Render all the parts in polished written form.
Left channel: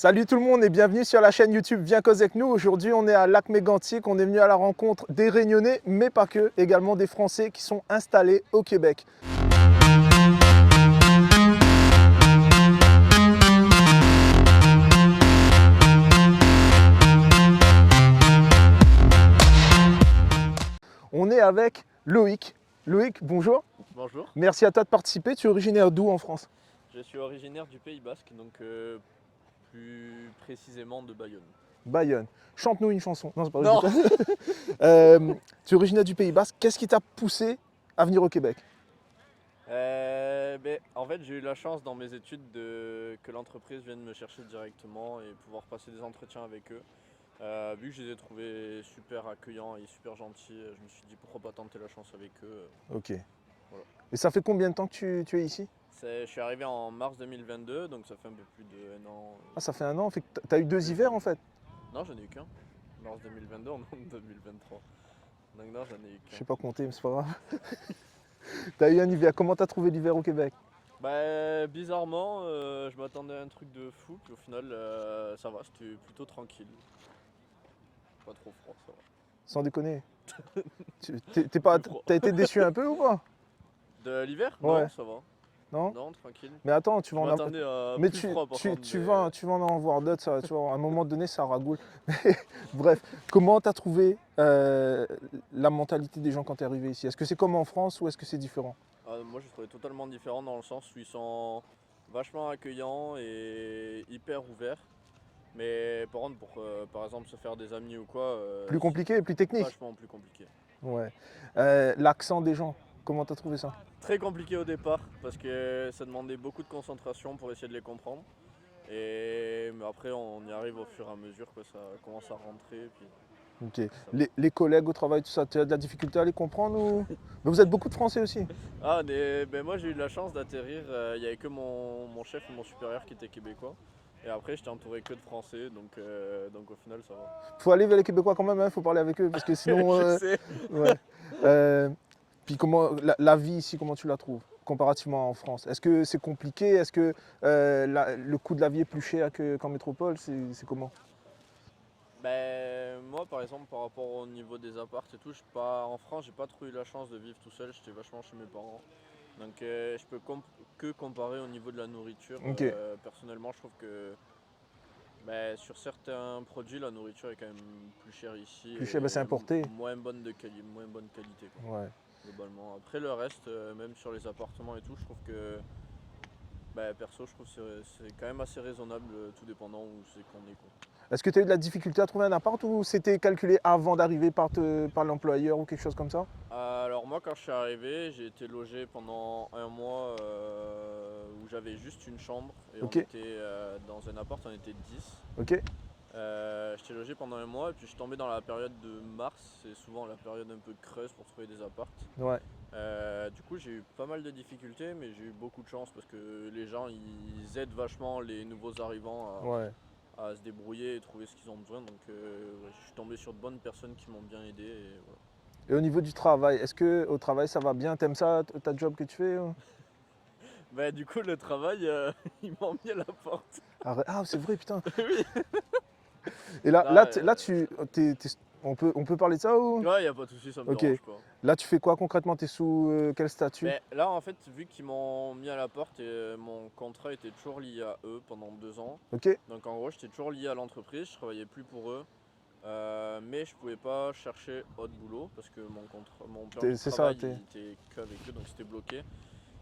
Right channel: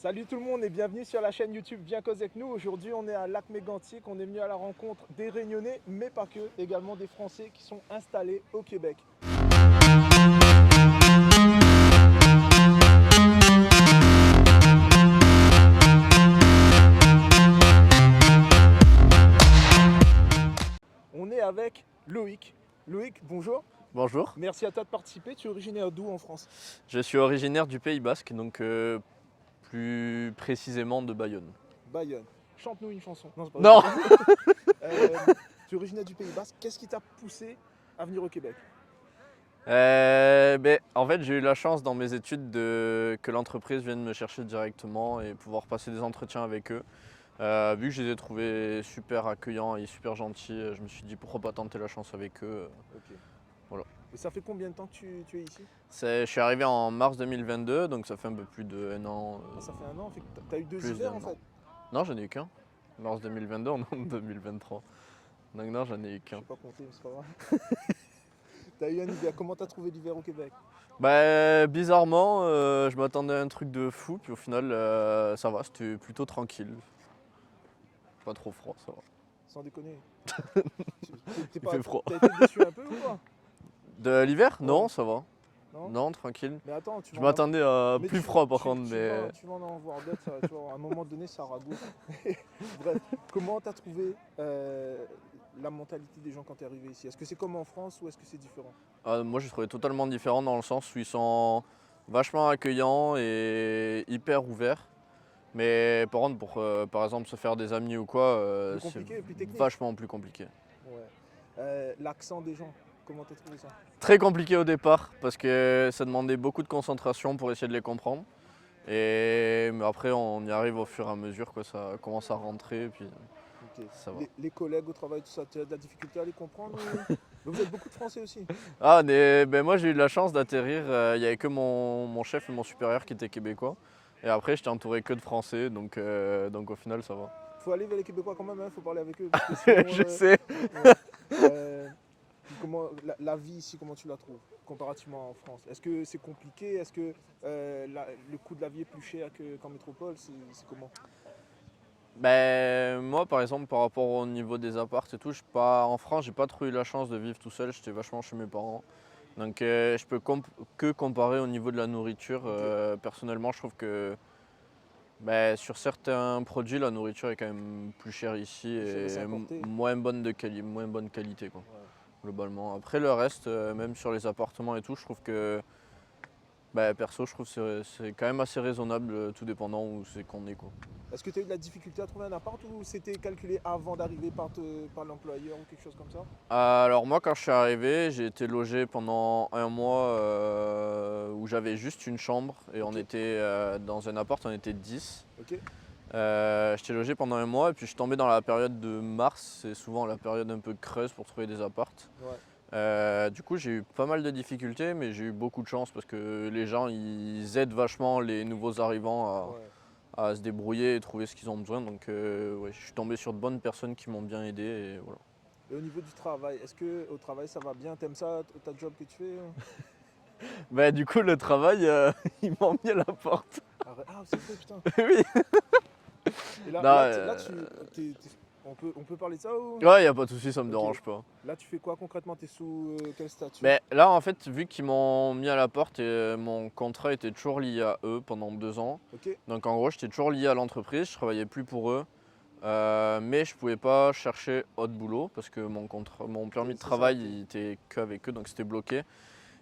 Salut tout le monde et bienvenue sur la chaîne YouTube Viens causer avec nous. Aujourd'hui on est à Lac-Mégantic, on est venu à la rencontre des Réunionnais, mais pas que, également des Français qui sont installés au Québec. On est avec Loïc. Loïc, bonjour. Bonjour, Merci à toi de participer. Tu es originaire d'où en France? je suis originaire du Pays Basque, donc plus précisément de Bayonne. Bayonne. Chante-nous une chanson. Non, c'est pas Non. vrai. Tu es originaire du Pays Basque. Qu'est-ce qui t'a poussé à venir au Québec? En fait, j'ai eu la chance dans mes études que l'entreprise vienne me chercher directement et pouvoir passer des entretiens avec eux. Vu que je les ai trouvés super accueillants et super gentils, je me suis dit pourquoi pas tenter la chance avec eux. Ok. Voilà. Et ça fait combien de temps que tu es ici? Je suis arrivé en mars 2022, donc ça fait un peu plus d'un an. Ah, ça fait un an. Fait que tu as eu deux Plus hivers d'un en an. fait. Non, j'en ai eu qu'un. Mars 2022, on est en 2023. Donc non, j'en ai eu Je qu'un. sais pas compter, mais c'est pas grave. Tu as eu un hiver. Comment tu as trouvé l'hiver au Québec? Bizarrement, je m'attendais à un truc de fou, puis au final, ça va, c'était plutôt tranquille. Pas trop froid, ça va. Sans déconner. T'es pas, Plus froid. t'as été déçu un peu ou pas? De l'hiver? Ouais. Non, ça va. Non. Non, tranquille. Mais attends, tu Je vas en m'attendais à mais plus froid par contre. tu vas en voir d'autres, tu vois, à un moment donné, ça ragoûte. Bref, comment tu as trouvé la mentalité des gens quand tu es arrivé ici? Est-ce que c'est comme en France ou est-ce que c'est différent? Moi, j'ai trouvé totalement différent dans le sens où ils sont vachement accueillants et hyper ouverts. Mais par contre, pour par exemple se faire des amis ou quoi, Plus compliqué, plus technique? vachement plus compliqué. Ouais. L'accent des gens, comment tu as trouvé ça? Très compliqué au départ parce que ça demandait beaucoup de concentration pour essayer de les comprendre. Mais après, on y arrive au fur et à mesure, quoi, ça commence à rentrer. Et puis, Ok. ça va. Les collègues au travail, tout ça, tu as de la difficulté à les comprendre ou... Mais vous êtes beaucoup de Français aussi? Moi, j'ai eu de la chance d'atterrir. Il n'y avait que mon chef et mon supérieur qui étaient québécois. Et après, j'étais entouré que de Français, donc au final, ça va. Faut aller vers les Québécois quand même, il faut parler avec eux parce que sinon. Je sais. Ouais. Puis comment la vie ici, comment tu la trouves comparativement en France? Est-ce que c'est compliqué? Est-ce que le coût de la vie est plus cher qu'en métropole? C'est comment? Moi, par exemple, par rapport au niveau des apparts et tout, en France, j'ai pas trop eu la chance de vivre tout seul. J'étais vachement chez mes parents. Donc, je peux que comparer au niveau de la nourriture. Ok. Personnellement, je trouve que sur certains produits, la nourriture est quand même plus chère ici Plus et cher, mais c'est importé. moins bonne qualité, quoi, Ouais. globalement. Après, le reste, même sur les appartements et tout, je trouve que, perso, je trouve que c'est quand même assez raisonnable, tout dépendant où c'est qu'on est, quoi. Est-ce que tu as eu de la difficulté à trouver un appart ou c'était calculé avant d'arriver par l'employeur ou quelque chose comme ça? Alors moi, quand je suis arrivé, j'ai été logé pendant un mois où j'avais juste une chambre et Ok. on était dans un appart, on était 10. Ok. J'étais logé pendant un mois et puis je suis tombé dans la période de mars, c'est souvent la période un peu creuse pour trouver des apparts. Ouais. Du coup, j'ai eu pas mal de difficultés, mais j'ai eu beaucoup de chance parce que les gens, ils aident vachement les nouveaux arrivants Ouais. à se débrouiller et trouver ce qu'ils ont besoin. Donc ouais, je suis tombé sur de bonnes personnes qui m'ont bien aidé et voilà. Et au niveau du travail, est-ce que au travail ça va bien? T'aimes ça, ta job que tu fais ou... Du coup, le travail, ils m'ont mis à la porte. Ah, c'est vrai, putain. Oui. Et là, Non, on peut parler de ça ou... Ouais, y a pas de souci, ça me Ok. dérange pas. Là, tu fais quoi concrètement? T'es sous quel statut? Là, en fait, vu qu'ils m'ont mis à la porte, mon contrat était toujours lié à eux pendant 2 ans. Ok. Donc en gros, j'étais toujours lié à l'entreprise, je travaillais plus pour eux. Mais je pouvais pas chercher autre boulot parce que mon permis de C'est ça, travail il était qu'avec eux, donc c'était bloqué.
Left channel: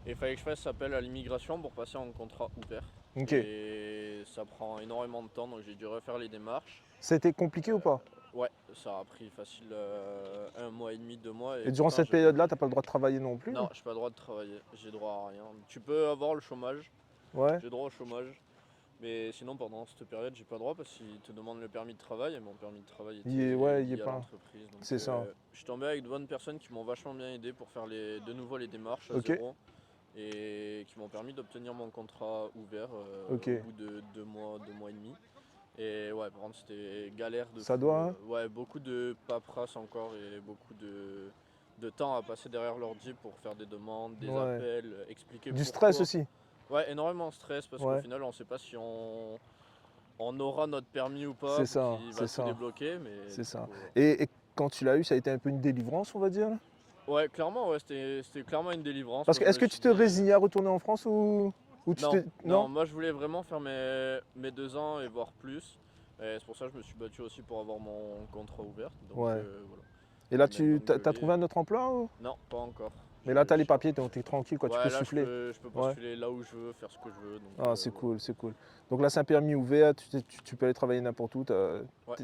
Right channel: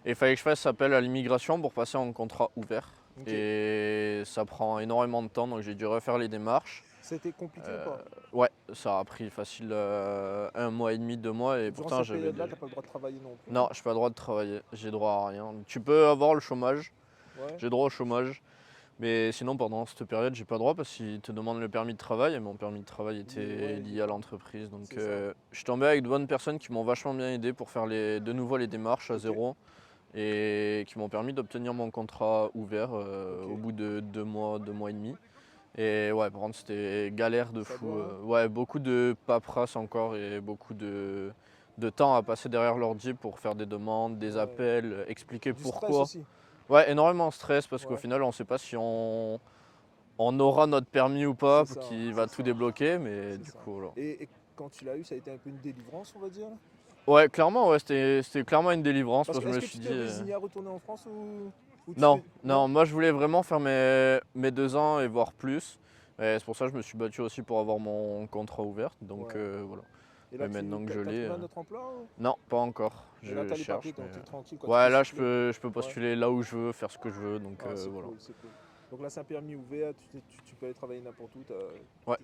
Et il fallait que je fasse appel à l'immigration pour passer en contrat ouvert. Ok. Et ça prend énormément de temps, donc j'ai dû refaire les démarches. C'était compliqué ou pas? Ouais, ça a pris facile 1 mois et demi, 2 mois. Et durant pourtant, cette j'avais période-là, t'as pas le droit de travailler non plus? Non, je n'ai pas le droit de travailler, j'ai droit à rien. Tu peux avoir le chômage, Ouais. j'ai droit au chômage. Mais sinon, pendant cette période, j'ai pas le droit parce qu'ils te demandent le permis de travail et mon permis de travail Il est- était ouais, il est lié à pas. l'entreprise. Donc, C'est ça. je suis tombé avec de bonnes personnes qui m'ont vachement bien aidé pour faire de nouveau les démarches à Ok. zéro et qui m'ont permis d'obtenir mon contrat ouvert Ok. au bout de 2 mois, 2 mois et demi. Et ouais, par contre, c'était galère de Ça fou. doit, hein. Ouais, beaucoup de paperasse encore et beaucoup de temps à passer derrière l'ordi pour faire des demandes, des Ouais. appels, expliquer Du pourquoi. stress aussi. Ouais, énormément de stress parce qu'au Ouais. final, on ne sait pas si on on aura notre permis ou pas, C'est ça, qui va c'est tout ça. débloquer, mais C'est du ça. coup, voilà. Et quand tu l'as eu, ça a été un peu une délivrance, on va dire? Ouais, clairement, ouais, c'était clairement une délivrance. Parce Moi, que je est-ce me que suis tu te dit, résignais à retourner en France ou tu non, t'es. non, moi je voulais vraiment faire mes 2 ans et voire plus. Et c'est pour ça que je me suis battu aussi pour avoir mon contrat ouvert. Donc Ouais. voilà. Et là, Et maintenant que je t'as l'ai, trouvé un autre emploi non, pas encore. Mais là, Je t'as les cherche, papiers, donc mais- t'es tranquille, quoi. Tu Ouais, peux là souffler. je peux postuler là où je veux, faire ce que je veux. Donc Ah, c'est voilà. cool, c'est cool. Donc là, c'est un permis ouvert, tu peux aller travailler n'importe où. Ouais.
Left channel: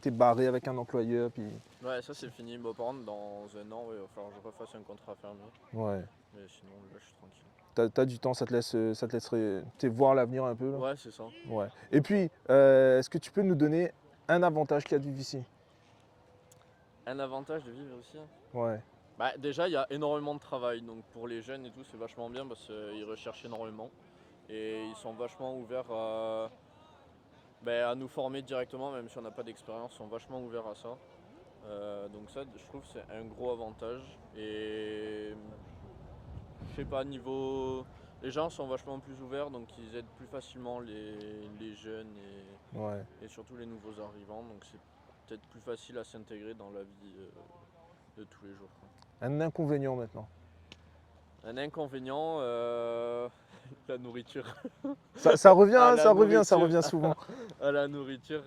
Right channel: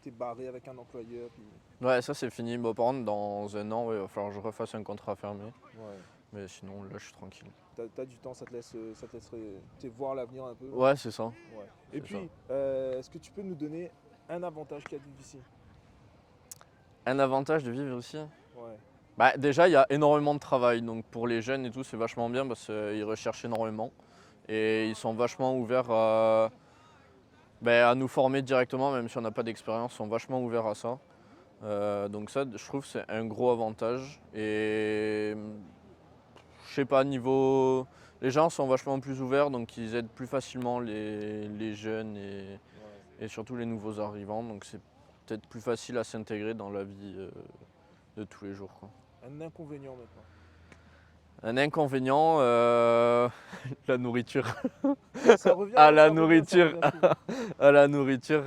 T'es barré avec un employeur. Puis. Ouais, ça c'est fini. Bah, par contre, dans un an, ouais, il va falloir que je refasse un contrat fermé. Ouais. Mais sinon, là, je suis tranquille. T'as du temps, ça te laisserait voir l'avenir un peu. Là. Ouais, c'est ça. Ouais. Et puis, est-ce que tu peux nous donner un avantage qu'il y a de vivre ici? Un avantage de vivre ici? Ouais. Bah, déjà, il y a énormément de travail. Donc pour les jeunes et tout, c'est vachement bien parce qu'ils recherchent énormément. Et ils sont vachement ouverts à nous former directement, même si on n'a pas d'expérience, ils sont vachement ouverts à ça. Donc ça, je trouve, c'est un gros avantage. Et je sais pas, niveau... Les gens sont vachement plus ouverts, donc ils aident plus facilement les jeunes Ouais. et surtout les nouveaux arrivants. Donc c'est peut-être plus facile à s'intégrer dans la vie de tous les jours, quoi. Un inconvénient maintenant. Un inconvénient, la nourriture. Ça revient, Ah, la ça revient nourriture. souvent. À la nourriture,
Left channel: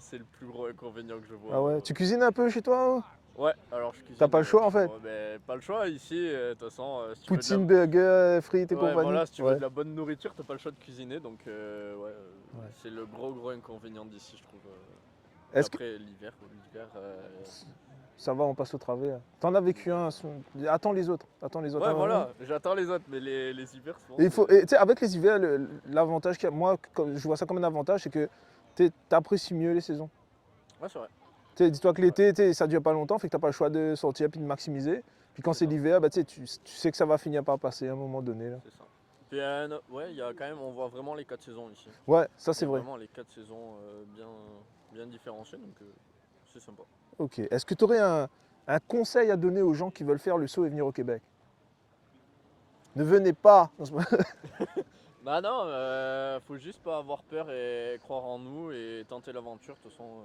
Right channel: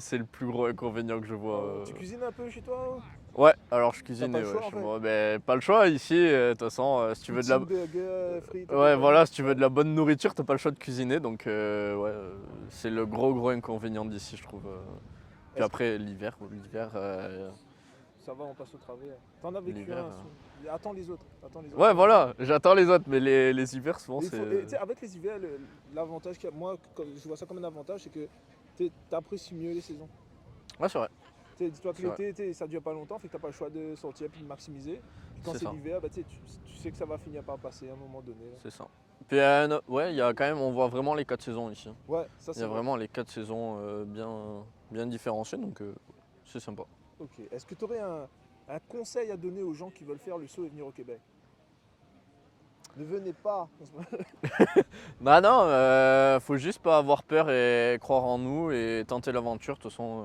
c'est le plus gros inconvénient que je vois. Ah ouais. Tu cuisines un peu chez toi? Ouais, alors je cuisine. T'as pas le choix, en chez fait. moi. Ben, pas le choix ici, de toute façon, si tu veux de la... Poutine, burger, frites et Ouais, compagnie. voilà, si tu veux Ouais. de la bonne nourriture, t'as pas le choix de cuisiner, donc c'est le gros inconvénient d'ici, je trouve. Et Est-ce que après, l'hiver, ça va, on passe au travers. T'en as vécu un. Attends les autres. Attends les autres. ouais, voilà, j'attends les autres, mais les hivers, souvent, Et c'est... tu sais, avec les hivers, l'avantage qu'il y a, moi, je vois ça comme un avantage, c'est que tu apprécies mieux les saisons. Ouais, c'est vrai. Tu sais, dis-toi que C'est l'été, tu sais, ça dure pas longtemps, fait que t'as pas le choix de sortir puis de maximiser. Puis quand C'est c'est ça. l'hiver, bah, tu sais, tu sais que ça va finir par passer à un moment donné. Là. C'est ça. Puis, ouais, il y a quand même, on voit vraiment les 4 saisons ici. Ouais, ça Il y c'est a vrai. vraiment les 4 saisons bien différenciées, donc c'est sympa. Ok. Est-ce que tu aurais un conseil à donner aux gens qui veulent faire le saut et venir au Québec? Ne venez pas. Bah non, faut juste pas avoir peur et croire en nous et tenter l'aventure. De toute façon,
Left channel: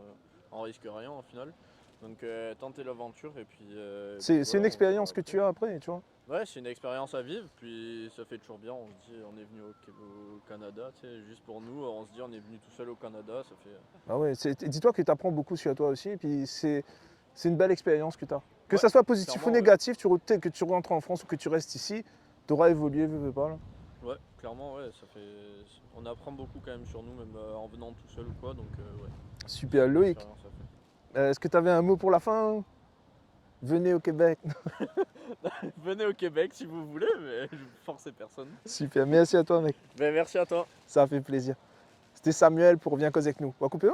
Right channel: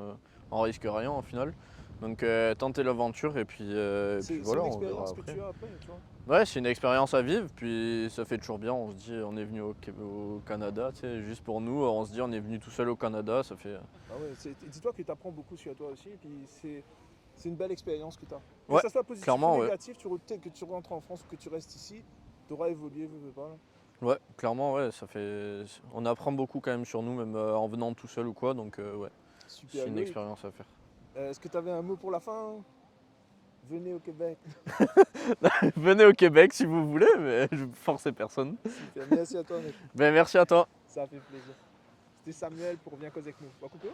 on risque rien au final. Donc tenter l'aventure et puis. C'est voilà, une on expérience verra que tu as après, tu vois. Ouais, c'est une expérience à vivre, puis ça fait toujours bien. On se dit, on est venu au Canada, tu sais, juste pour nous. On se dit, on est venu tout seul au Canada, ça fait. Ah ouais, dis-toi que tu apprends beaucoup sur toi aussi, et puis c'est une belle expérience que tu as. Que Ouais, ça soit positif ou clairement, ouais. négatif, peut-être que tu rentres en France ou que tu restes ici, tu auras évolué, veux pas. Là. Ouais, clairement, ouais, ça fait. On apprend beaucoup quand même sur nous, même en venant tout seul ou quoi, donc ouais. Super, C'est une Loïc. expérience à faire. Est-ce que tu avais un mot pour la fin? Venez au Québec. Venez au Québec si vous voulez, mais je force personne. Super, merci à toi mec, Ben merci à toi. ça a fait plaisir. C'était Samuel pour Viens causer avec nous. On va couper là?